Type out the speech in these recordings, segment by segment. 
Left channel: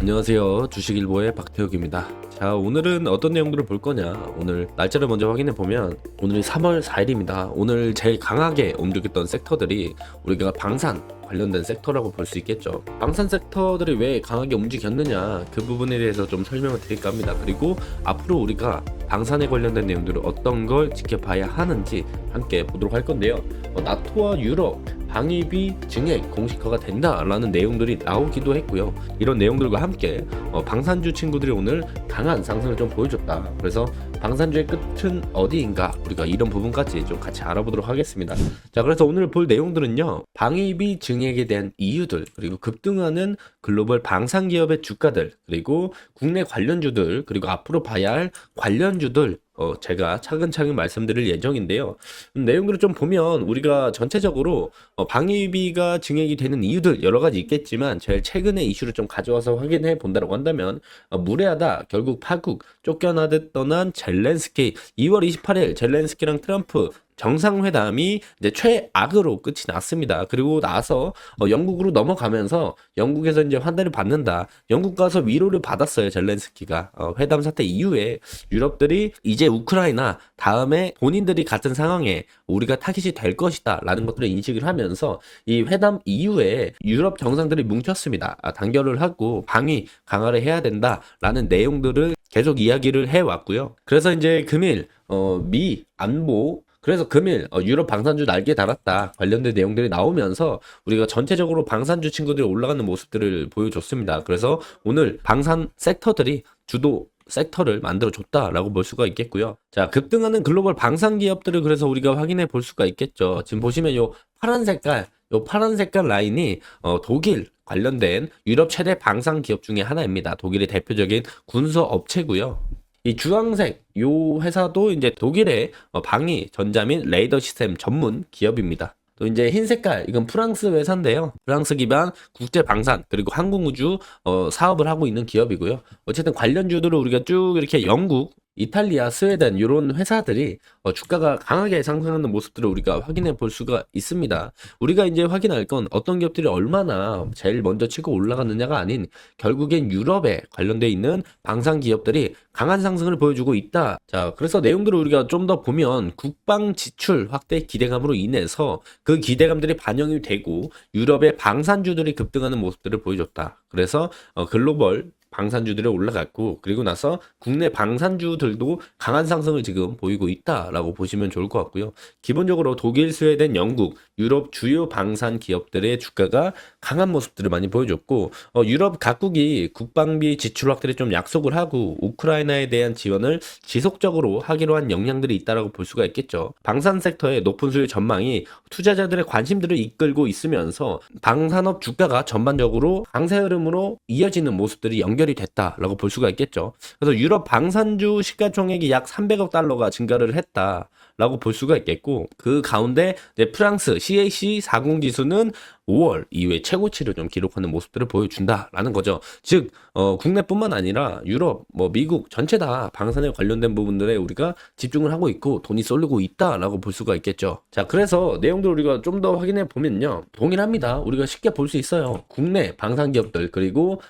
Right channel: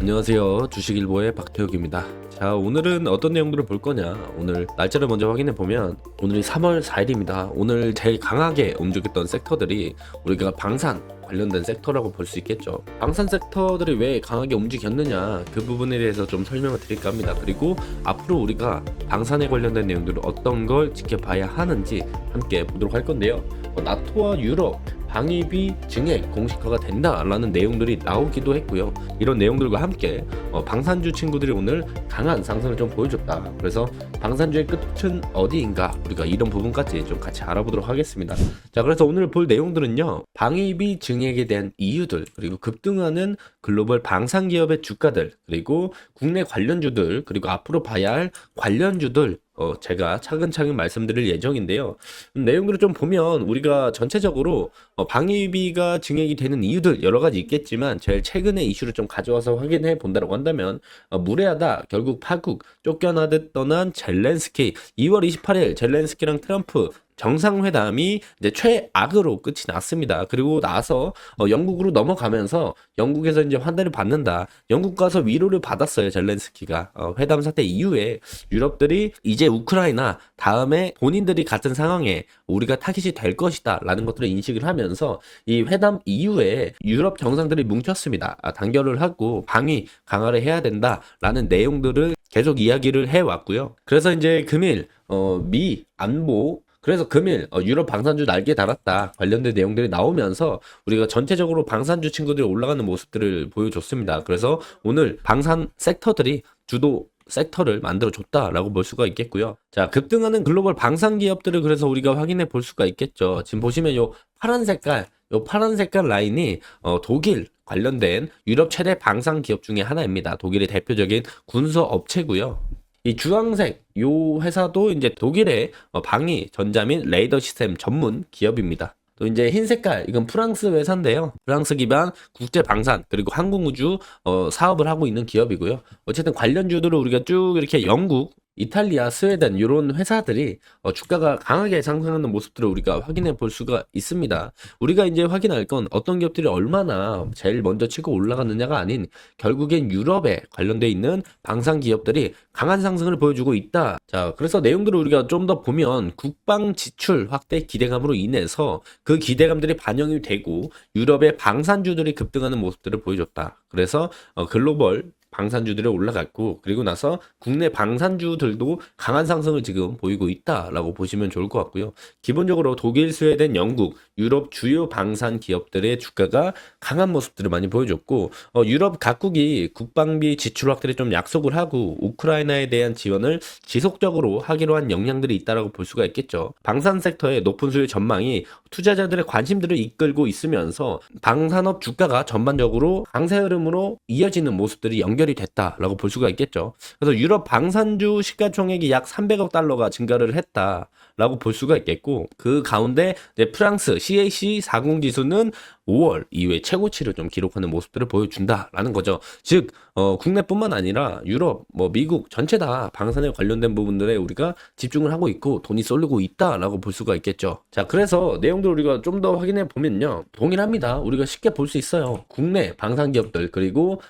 안녕하세요. 주식일보의 박태욱입니다. 자, 오늘은 어떤 내용들을 볼 거냐? 오늘 날짜를 먼저 확인해 보면 오늘이 3월 4일입니다. 오늘 제일 강하게 움직였던 섹터들이 우리가 방산 관련된 섹터라고 볼 수 있겠죠. 방산 섹터들이 왜 강하게 움직였느냐, 그 부분에 대해서 좀 설명을 드릴까 합니다. 그리고 앞으로 우리가 방산에 관련된 내용들을 어떤 걸 지켜봐야 하는지 함께 보도록 할 건데요. 나토와 유럽 방위비 증액 공식화가 된다라는 내용들이 나오기도 했고요. 이런 내용들과 함께 방산주 친구들이 오늘 강한 상승을 좀 보여줬다. 그래서 방산주의 끝은 어디인가, 우리가 이런 부분까지 좀 같이 알아보도록 하겠습니다. 자, 그래서 오늘 볼 내용들은요, 방위비 증액에 대한 이유들, 그리고 급등하는 글로벌 방산 기업의 주가들, 그리고 국내 관련주들, 그리고 앞으로 봐야 할 관련주들 제가 차근차근 말씀드릴 예정인데요. 내용들을 좀 보면 우리가 전체적으로 방위비가 증액이 되는 이유들 여러 가지 있겠지만, 제일 최근의 이슈를 좀 가져와서 확인해 본다고 한다면, 무례하다, 결국 파국, 쫓겨나듯 떠난 젤렌스키, 2월 28일 젤렌스키랑 트럼프 정상회담이 이제 최악으로 끝이 났습니다. 그리고 나서 영국으로 넘어가면서 영국에서 이제 환대를 받는다. 영국 가서 위로를 받았어요, 젤렌스키가. 회담 사태 이후에 유럽들이 이제 우크라이나 다음에 본인들이 같은 상황에 우리가 타깃이 될 것이다 라는 것들을 인식을 하면서 이 회담 이후에 유럽 정상들이 뭉쳤습니다. 단결을 하고 방위 강화를 해야 된다 라는 내용들을 계속 이야기를 해왔고요. 그래서 이제 금일 미 안보, 그래서 금일 유럽 방산주 날개 달았다 관련된 내용들이 나오면서 우리가 전체적으로 방산주 친구들이 올라가는 모습들을 보여줬습니다. 그래서 오늘 방산 섹터들이 주도 섹터를 만들어줬다라고 볼 수가 있겠고요. 자, 급등하는 글로벌 방산 기업들을 그래서 우리가 확인해 볼 수가 있겠죠. 지금 보시면 요 파란 색깔 라인이 독일 관련된 유럽 최대 방산 기업 중에 하나입니다. 독일의 대표적인 군소 업체고요. 이 주황색 요 회사도 이제 독일의 방위 전자 및 레이더 시스템 전문 기업입니다. 또 이제 흰 색깔, 이건 프랑스 회사인데요. 프랑스 기반 국제 방산 그리고 항공우주 사업을 하고 있는 기업이고요. 어쨌든 관련주들을 우리가 쭉 이렇게 영국, 이탈리아, 스웨덴 이런 회사들이 주가가 강하게 상승하는 모습들을 우리가 확인해 볼 수가 있습니다. 우리가 이제 확인할 건 어떤 기업들이 얼마나 제일 먼저 치고 올라갔느냐가 아닌, 결국엔 유럽에 관련돼 있는 방산 기업들이 강한 상승을 보여주고 있다. 자, 그래서 내용들을 우리가 좀 더 보면 국방 지출 확대 기대감으로 인해서 그 기대감들이 반영이 되고 유럽의 방산주들이 급등하는 모습들을 보여줬다. 그래서 글로벌 방산주들이 올라갔고, 그리고 나서 국내 방산주들도 강한 상승을 지금 보이고 있다라고 보시면 좋을 것 같고요. 기본적으로 독일, 스웨덴, 영국, 유럽 주요 방산 기업들의 주가가 강한 모습들을 많이 보여줬고, 유럽 각국이 국방비 지출 확대를 좀 약속을 하고 우크라이나에 대한 지원을 지속적으로 하기로 한 역량들이 있다라고 볼 수가 있겠죠. 방산 섹터의 높은 수요 전망이 투자자들의 관심들을 이끌고 있으면서 방산업 주가가 전반적으로 강세 흐름으로 이어지는 모습들이 연결이 됐다라고 볼 수가 있겠죠. 그래서 유럽 방산주 시가총액이 약 300억 달러가 증가를 했다라고 볼 수가 있겠고, 그 가운데 프랑스 CAC 40 지수는 5월 이후에 최고치를 좀 기록하는 모습들을 보여준다라는 거죠. 즉 국내뿐만 아니라 유럽, 미국 전체 다 방산에 관련된 부분들에 우리가 집중을 하고 있고 돈이 쏠리고 있다라고 볼 수가 있겠죠. 자, 그래서 내용들 우리가 좀 더 확인해 보면요, 동일합니다. 우리가 쉽게 볼 수 있어요. 국내 방산 기업들 그리고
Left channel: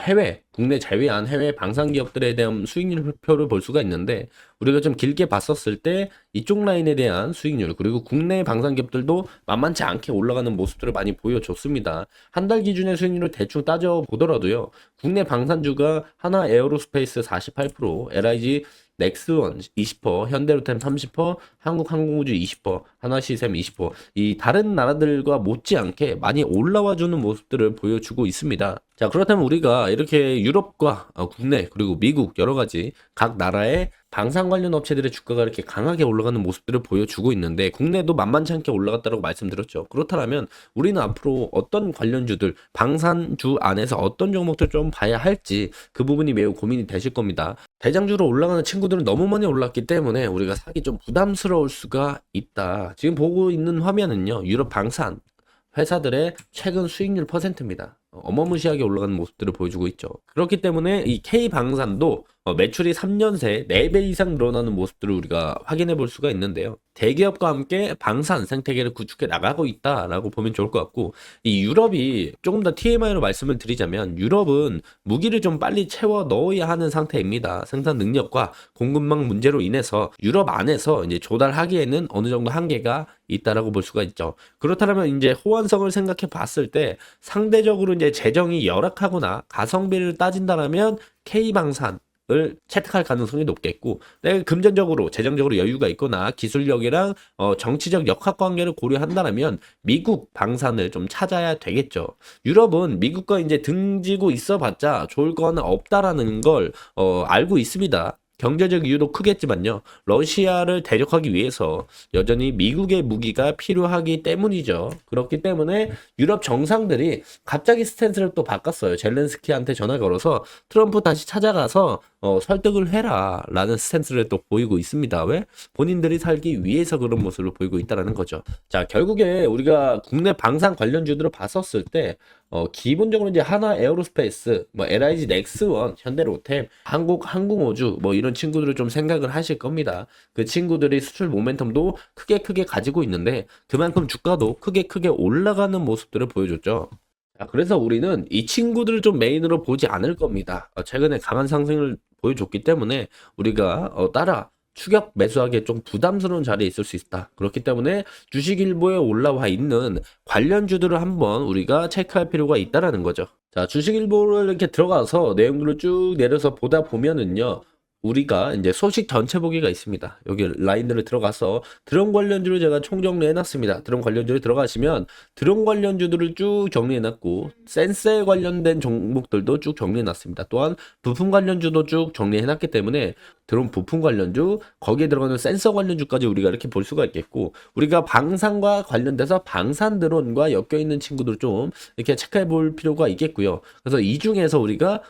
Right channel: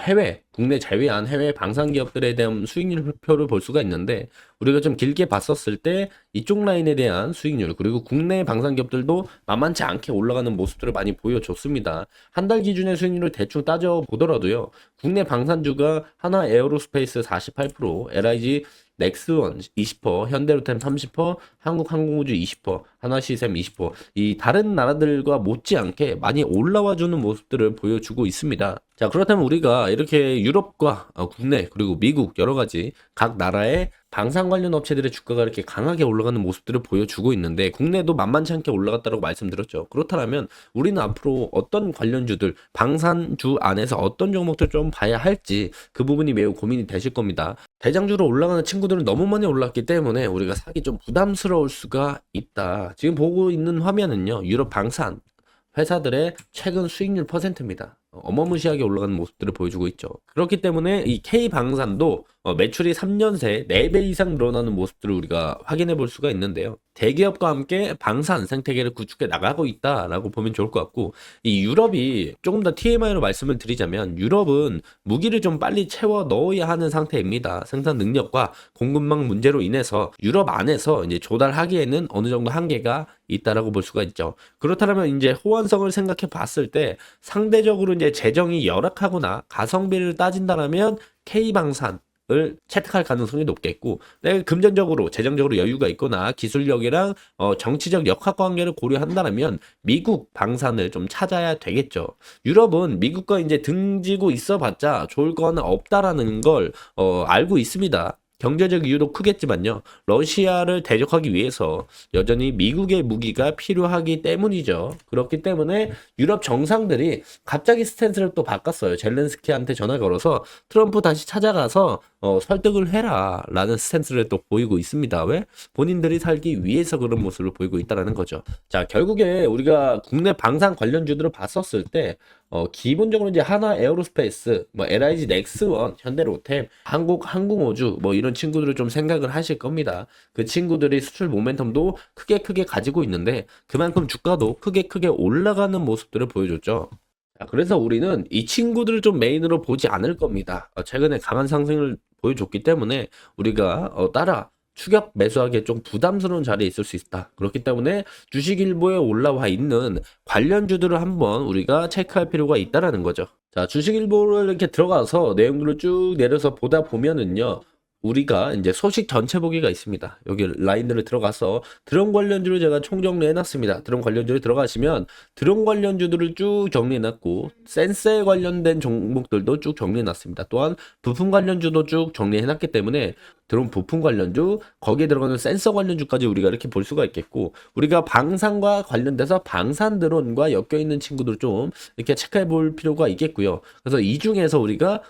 해외, 국내 제외한 해외 방산 기업들에 대한 수익률표를 볼 수가 있는데, 우리가 좀 길게 봤었을 때 이쪽 라인에 대한 수익률, 그리고 국내 방산 기업들도 만만치 않게 올라가는 모습들을 많이 보여줬습니다. 한 달 기준의 수익률을 대충 따져보더라도요, 국내 방산주가 하나 에어로스페이스 48%, LIG 넥스원 20%, 현대로템 30%, 한국항공우주 20%, 하나시스템 20%, 이 다른 나라들과 못지않게 많이 올라와주는 모습들을 보여주고 있습니다. 자, 그렇다면 우리가 이렇게 유럽과 국내 그리고 미국 여러 가지 각 나라의 방산 관련 업체들의 주가가 이렇게 강하게 올라가는 모습들을 보여주고 있는데, 국내도 만만치 않게 올라갔다고 말씀드렸죠. 그렇다면 우리는 앞으로 어떤 관련주들, 방산주 안에서 어떤 종목들 좀 봐야 할지, 그 부분이 매우 고민이 되실 겁니다. 대장주로 올라가는 친구들은 너무 많이 올랐기 때문에 우리가 사기 좀 부담스러울 수가 있다. 지금 보고 있는 화면은요, 유럽 방산 회사들의 최근 수익률 퍼센트입니다. 어마무시하게 올라가는 모습들을 보여주고 있죠. 그렇기 때문에 이 K방산도 매출이 3년 새 4배 이상 늘어나는 모습들을 우리가 확인해 볼 수가 있는데요. 대기업과 함께 방산 생태계를 구축해 나가고 있다라고 보면 좋을 것 같고, 이 유럽이 조금 더 TMI로 말씀을 드리자면 유럽은 무기를 좀 빨리 채워 넣어야 하는 상태입니다. 생산 능력과 공급망 문제로 인해서 유럽 안에서 이제 조달하기에는 어느 정도 한계가 있다라고 볼 수가 있죠. 그렇다면 이제 호환성을 생각해 봤을 때 상대적으로 이제 재정이 열악하거나 가성비를 따진다면 K방산 을 채택할 가능성이 높겠고, 내가 금전적으로 재정적으로 여유가 있거나 기술력이랑 정치적 역학 관계를 고려한다면 미국 방산을 좀 찾아야 되겠죠. 유럽은 미국과 이제 등지고 있어봤자 좋을 거는 없다라는 걸 알고 있습니다. 경제적 이유도 크겠지만요. 러시아를 대적하기 위해서 여전히 미국의 무기가 필요하기 때문이죠. 그렇기 때문에 유럽 정상들이 갑자기 스탠스를 또 바꿨어요. 젤렌스키한테 전화 걸어서 트럼프 다시 찾아가서 설득을 해라 라는 스탠스를 또 보이고 있습니다. 왜? 본인들이 살기 위해서 그런 모습을 보이고 있다는 거죠. 자, 결국에 우리가 국내 방산 관련주들을 봤었을 때 기본적으로 이제 하나 에어로스페이스, 뭐 LIG 넥스원, 현대로템, 한국 항공우주 뭐 이런 친구들을 좀 생각을 하실 겁니다. 그 친구들이 수출 모멘텀도 크게 가지고 있는데 그만큼 주가도 크게 올라가는 모습들을 보여줬죠. 자, 그래서 우리는 이 친구들을 좀 메인으로 보지 않을 겁니다. 최근에 강한 상승을 보여줬기 때문에 우리가 따라 추격 매수하기에 좀 부담스러운 자리에 있을 수 있다. 그렇기 때문에 주식일보에 올라와 있는 관련주들을 한번 우리가 체크할 필요가 있다라는 거죠. 자, 주식일보를 이렇게 들어가서 내용들을 쭉 내려서 보다 보면은요. 우리가 이제 소식 전체 보기가 있습니다. 여기 라인들을 들어가서 드론 관련주를 제가 총정리해 놨습니다. 드론 관련주를 들어가시면 드론 관련주들을 쭉 정리해 놨고 센서에 관련된 종목들도 쭉 정리해 놨습니다. 또한 부품 관련주도 쭉 정리해 놨기 때문에 드론 부품 관련주, 거기에 들어가는 센서 관련주까지 우리가 이렇게 볼 수가 있겠고, 우리가 방산과 관련돼서 방산 드론과 엮여있는 친구들 좀 이렇게 체크해 볼 필요가 있겠고요. 그래서 이 중에서 우리가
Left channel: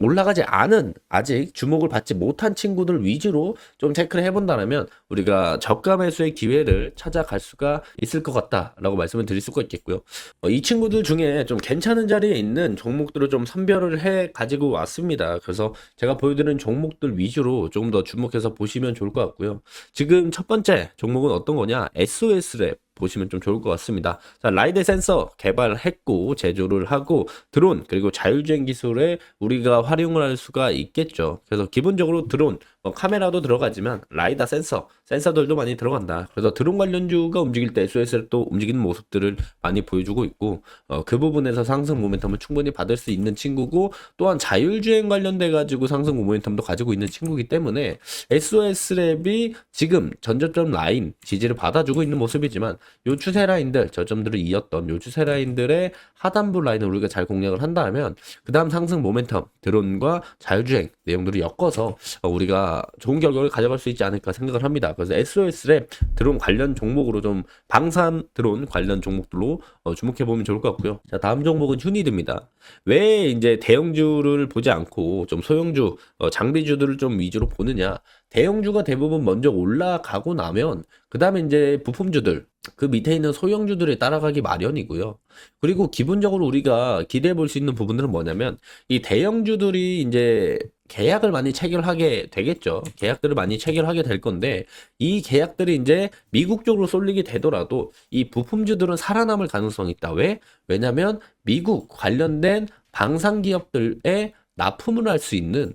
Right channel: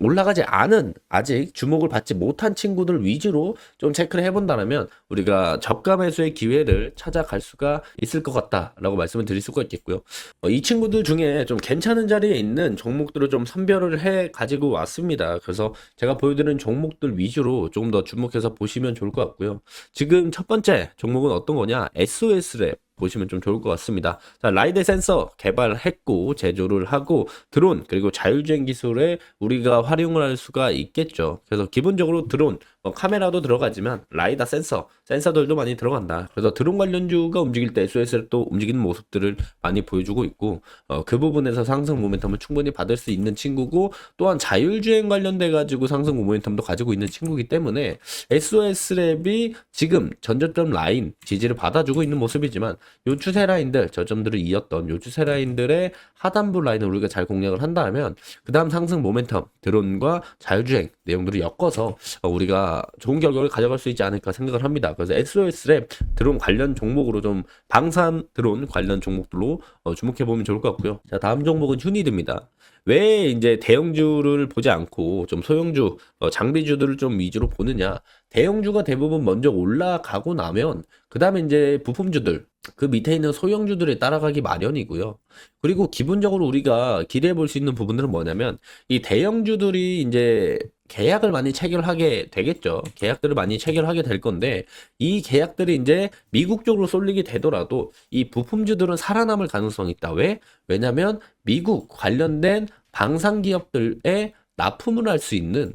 올라가지 않은, 아직 주목을 받지 못한 친구들 위주로 좀 체크를 해본다면 우리가 저가 매수의 기회를 찾아갈 수가 있을 것 같다라고 말씀을 드릴 수가 있겠고요. 이 친구들 중에 좀 괜찮은 자리에 있는 종목들을 좀 선별을 해 가지고 왔습니다. 그래서 제가 보여드리는 종목들 위주로 조금 더 주목해서 보시면 좋을 것 같고요. 지금 첫 번째 종목은 어떤 거냐? SOS랩 보시면 좀 좋을 것 같습니다. 자, 라이드 센서 개발했고 제조를 하고 드론 그리고 자율주행 기술에 우리가 활용을 할 수가 있겠죠. 그래서 기본적으로 드론 카메라도 들어가지만 라이다 센서들도 많이 들어간다. 그래서 드론 관련주가 움직일 때 SOS를 또 움직이는 모습들을 많이 보여주고 있고 그 부분에서 상승 모멘텀을 충분히 받을 수 있는 친구고, 또한 자율주행 관련돼 가지고 상승 모멘텀도 가지고 있는 친구이기 때문에 SOS랩이 지금 전저점 라인 지지를 받아주고 있는 모습이지만 요 추세 라인들, 저점들을 이었던 요 추세 라인들의 하단부 라인을 우리가 잘 공략을 한다면 그 다음 상승 모멘텀, 드론과 자율주행 내용들을 엮어서 우리가 좋은 결과를 가져갈 수 있지 않을까 생각을 합니다. 그래서 SOS랩 드론 관련 종목으로 좀 방산 드론 관련 종목들로 주목해 보면 좋을 것 같고요. 자, 다음 종목은 휴니드입니다. 왜 이제 대형주를 보지 않고 좀 소형주, 장비주들을 좀 위주로 보느냐? 대형주가 대부분 먼저 올라가고 나면 그 다음에 이제 부품주들, 그 밑에 있는 소형주들이 따라가기 마련이고요. 그리고 기본적으로 우리가 기대해 볼 수 있는 부분들은 뭐냐면 이 대형주들이 이제 계약을 많이 체결하게 되겠죠. 계약들을 많이 체결하게 될 건데 이 계약들이 이제 미국 쪽으로 쏠리게 되더라도 이 부품주들은 살아남을 가능성이 있다. 왜? 왜냐면 미국 관련된 방산 기업들에 납품을 할 수 있는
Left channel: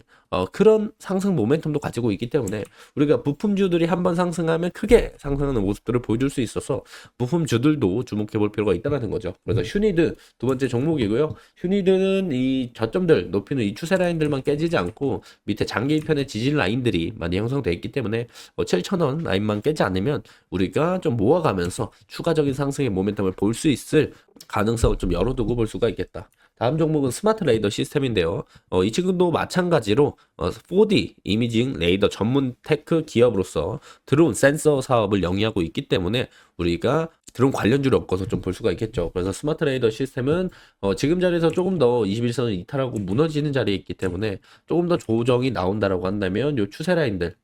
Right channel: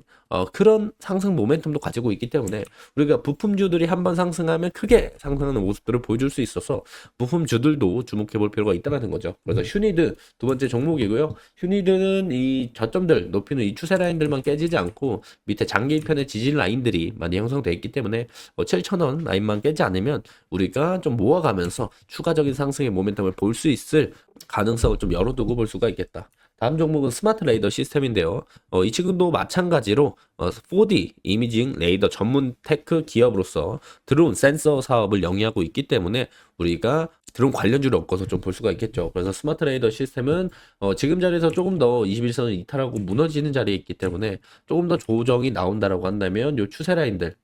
그런 상승 모멘텀도 가지고 있기 때문에 우리가 부품주들이 한번 상승하면 크게 상승하는 모습들을 보여줄 수 있어서 부품주들도 주목해 볼 필요가 있다는 거죠. 그래서 휴니드 두 번째 종목이고요. 휴니드는 이 저점들 높이는 이 추세 라인들만 깨지지 않고 밑에 장기편의 지지 라인들이 많이 형성되어 있기 때문에 7,000원 라인만 깨지 않으면 우리가 좀 모아가면서 추가적인 상승의 모멘텀을 볼 수 있을 가능성을 좀 열어두고 볼 수가 있겠다. 다음 종목은 스마트 레이더 시스템인데요. 이 친구도 마찬가지로 4D 이미징 레이더 전문 테크 기업으로서 드론 센서 사업을 영위하고 있기 때문에 우리가 드론 관련주를 엮어서 좀 볼 수가 있겠죠. 그래서 스마트 레이더 시스템은 지금 자리에서 조금 더 21선을 이탈하고 무너지는 자리에 있기 때문에 조금 더 조정이 나온다라고 한다면 이 추세 라인들,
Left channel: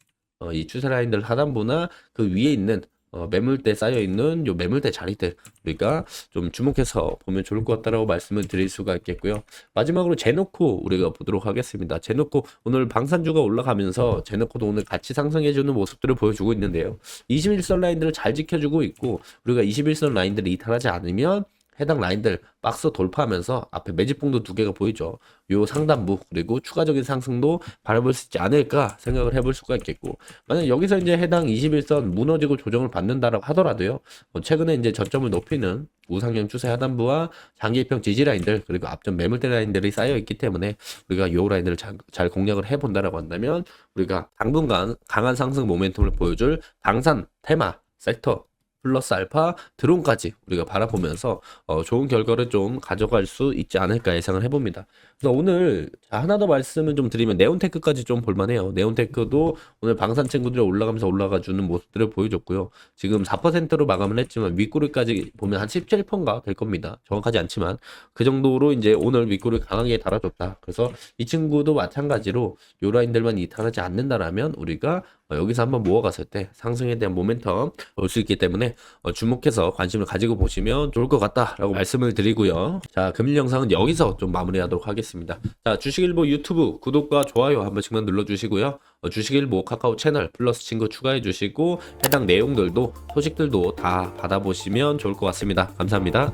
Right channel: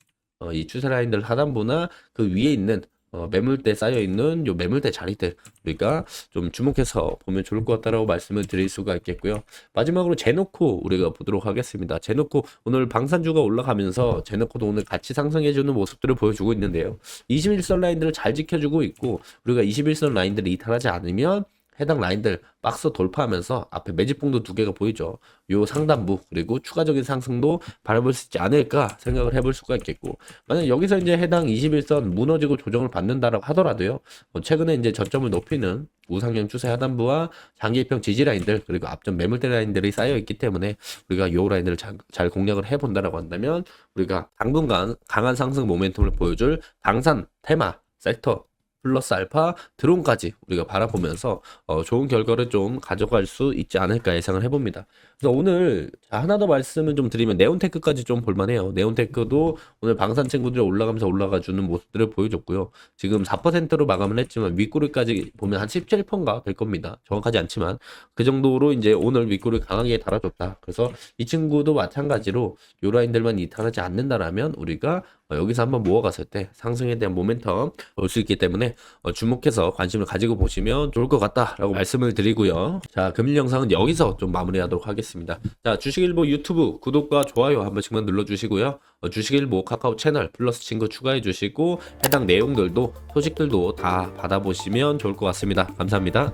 이 추세 라인들 하단부나 그 위에 있는 매물대 쌓여 있는 요 매물대 자리들 우리가 좀 주목해서 보면 좋을 것 같다라고 말씀을 드릴 수가 있겠고요. 마지막으로 제노코 우리가 보도록 하겠습니다. 제노코 오늘 방산주가 올라가면서 제노코도 오늘 같이 상승해주는 모습들을 보여주고 있는데요. 21선 라인들을 잘 지켜주고 있고 우리가 21선 라인들을 이탈하지 않으면 해당 라인들 박스 돌파하면서 앞에 매집봉도 두 개가 보이죠. 요 상단부 그리고 추가적인 상승도 바라볼 수 있지 않을까 생각을 해볼 수가 있겠고, 만약 여기서 이제 해당 21선 무너지고 조정을 받는다라고 하더라도요, 최근에 이제 저점을 높이는 우상향 추세 하단부와 장기평 지지 라인들 그리고 앞전 매물대 라인들이 쌓여 있기 때문에 우리가 요 라인을 잘 공략을 해본다라고 한다면 우리가 당분간 강한 상승 모멘텀을 보여줄 당산 테마 섹터 플러스 알파 드론까지 우리가 바라보면서 좋은 결과를 좀 가져갈 수 있지 않을까 예상을 해봅니다. 그래서 오늘 하나 더 말씀을 좀 드리면 네온테크까지 좀 볼만해요. 네온테크도 오늘 방산 친구들이 올라가면서 올라가주는 모습들을 보여줬고요. 지금 4%로 마감을 했지만 윗꼬리까지 보면 한 17%인가 될 겁니다. 정확하지 않지만 그 정도로 이제 오늘 윗꼬리 강하게 달아줬다. 그래서 이 친구도 마찬가지로 요 라인들만 이탈하지 않는다라면 우리가 여기서 한번 모아갔을 때 상승에 대한 모멘텀 올 수 있기 때문에 주목해서 관심을 가지고 보시면 좋을 것 같다라고 말씀을 드리고요. 자, 금일 영상은 여기서 좀 마무리하도록 하겠습니다. 자, 주식일보 유튜브 구독과 좋아요 한 번씩만 눌러주시고요. 주식일보 카카오 채널 플러스 친구 추가해 주시고 해당 내용들도 소식들도 다 받아보시면 좋을 것 같습니다. 감사합니다.